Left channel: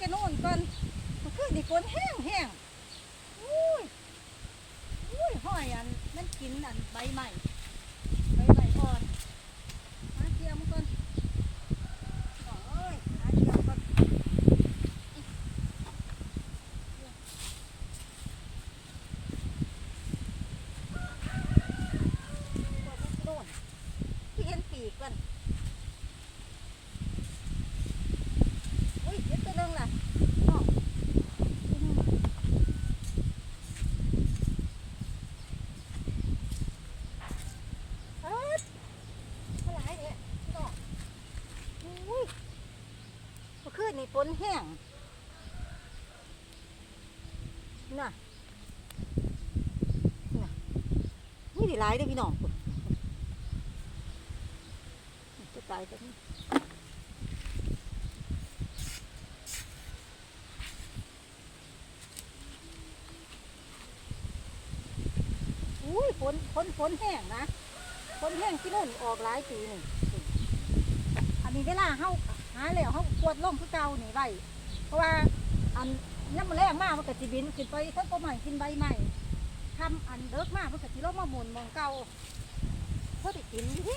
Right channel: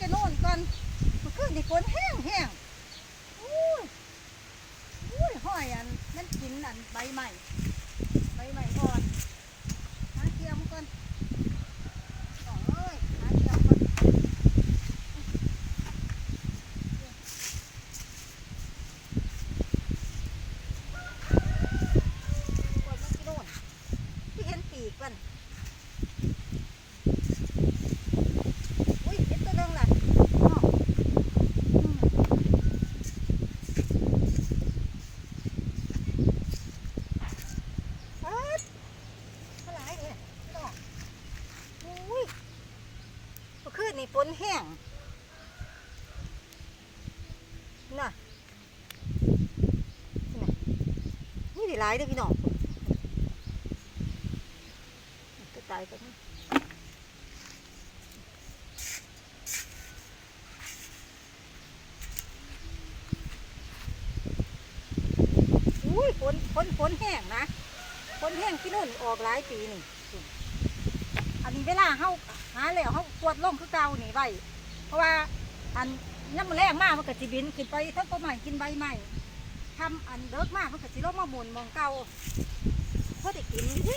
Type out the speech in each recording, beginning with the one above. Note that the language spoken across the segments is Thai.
จะโน่นก่อนมันขึ้นในฝนแห้งแห้งอุ้ยอุ้ยห้อยอันมันกินอันใบใหม่ใบใหม่อ่อนหาเทียมก่อนน้องเอ้ยหาเทียมก่อนปวดมันจะโน่นที่เห็นปีกมัน อุ้ยเห็นตัวนึงล่ะอ้าวอืมเอิ้ดเท่าไหร่เนี่ยพี่น้องอุ้ยเมื่อคื นแห้งน่ะน่ะอุ้ยได้หลายเด้พี่น้องจะตายกันอุ้ยฝนฝนฝนแห้งนะฝนแห้งที่นู่นออกหลายปีนี่อันนี้เวลาเฮา หาแล้วเฮากวดลงคือเก่านี่ไว้เพราะว่าอันน้ำมันแรงมากมันก็สิบินขึ้นไปทั้งก็ใหม่กินใบใหม่ทำอันเดิกมากมันก็สิลงมาหมุนมองเก่าพอได้กินสิ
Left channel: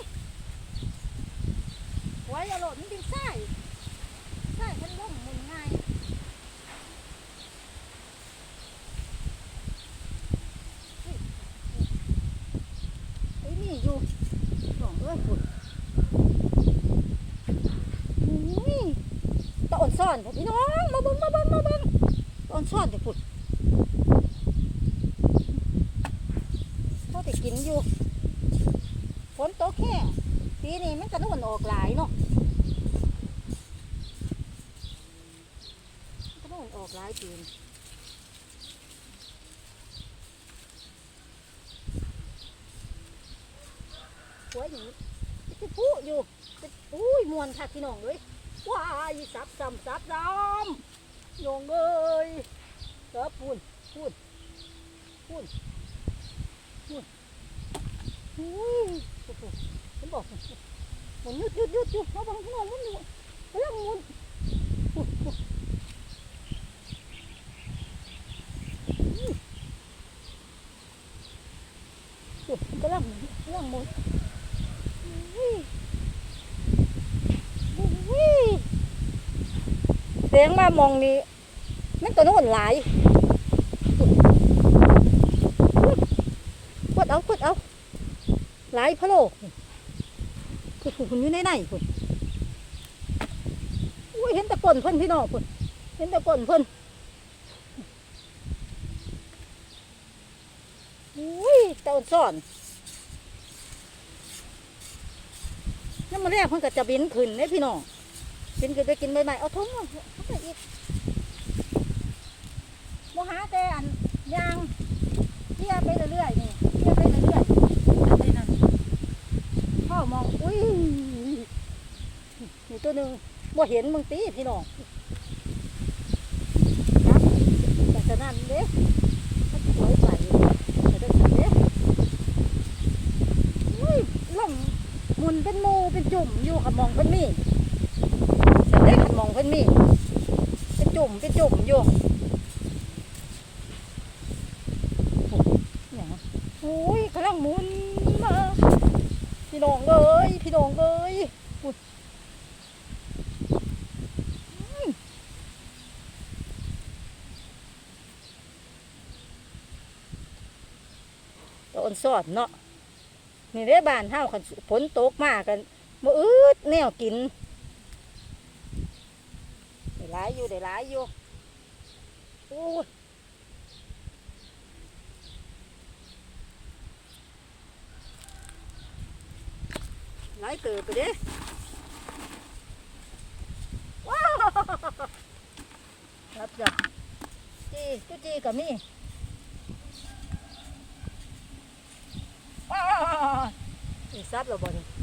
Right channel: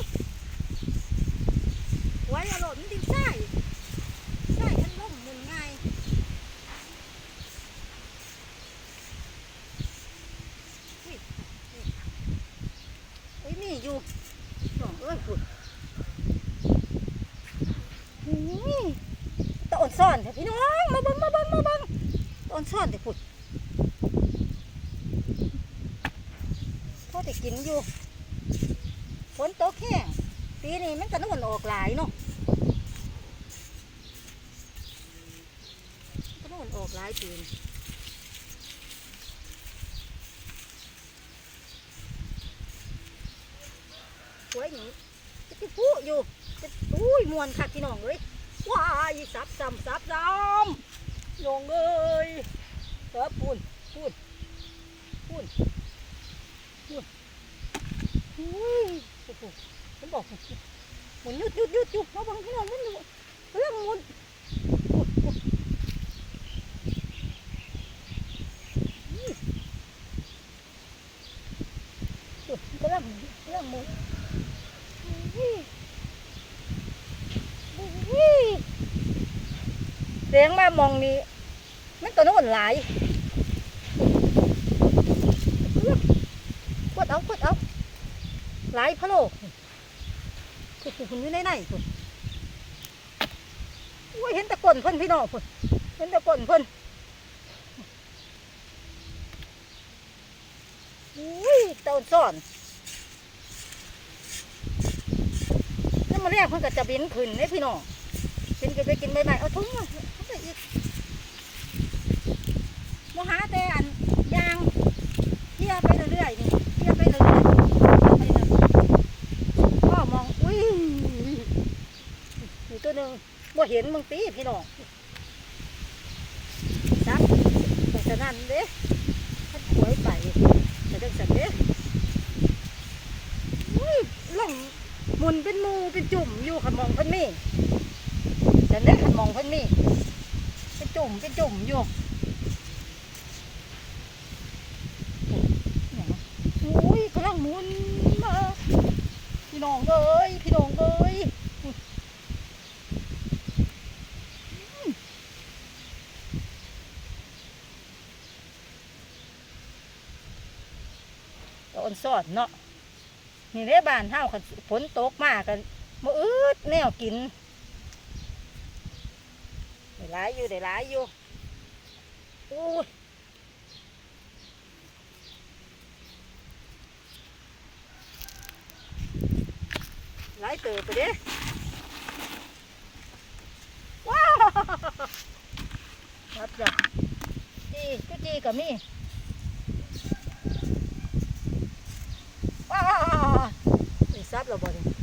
หวยอย่าหล่นดินใส่ใส่มันล่มหมุนง่ายไอ้นี่อยู่น้องเอ้ยฝุ่นอุ้ยตะอ่อน ซ่อนเถอะพี่น้องมาเบิ่งมาเบิ่งมาเบิ่งตอนซ่อนเถอะฝุ่นพอได้กินอยู่ฝนตกแค่ปีนี้มันก็นุ่นออกหลายเนาะก็นุ่นออกหลายปีนี้สวยหนีจะไปพูอยู่จะอุ้ยมวนคักพี่น้องเลย ว้ายซับซ้ำซับซ้ำน้องเอ้ยเออพูนพูนพูนพูนอุ้ยโอ้โหฉันบอกหมุนยุดยุดยุดยุดมาบังพี่น้องมันอยู่กำลังมุนพูนพูนอุ้ยยุดมันกำลังกำลังหมุน เสียงมามองนี้นั่นตัวนู้นหลายกดเอากดเอาหลายพะโลคุณคุณอยู่ในไหนคุณอุ้ยเห็นต่ก้นเพิ่นพี่น้องคุณเห็นต่ก้นเพิ่นอุ้ยเต่าซ่อนนั่นมาเรียกเพิ่นก็จะบินขึ้นเนี่ยพี่น้อง บินก็ไปกินใบไม้เอาทุ่งมาเอาไปอีกโมหาแต่อันยางเที่ยไปเรื่อยๆนี่เที่ยไปเรื่อยๆนั่นพ่อมองอุ้ยนี่ตัวหนึ่งบ่เห็นมึงตีพี่น้องจับแต่ฉะนั้นเด้ถ้าหวยไปแต่จังสันเด้อุ้ยล่องหมุนเป็นมูเป็นจุ่มอยู่ขมองเพิ่นนี่ จะได้มองเพิ่นนี่เป็นจุ่มเป็นจุ่มอยู่เนี่ยนะโอ้ยกำลังมุนมาพี่น้องเอ้ยพี่น้องเอ้ยอุ๊ยอืมตอนสอนเนาะนี่ได้บ้านเฮาคันฝนตกมากกันบ่อืดแนวกิน หลายอยู่ได้หลายอยู่โอ้ยหลายเติบไปเด้ว้าวรับจับจีกุจีก็มีว้าวนี่ซับเราบ่เนี่ย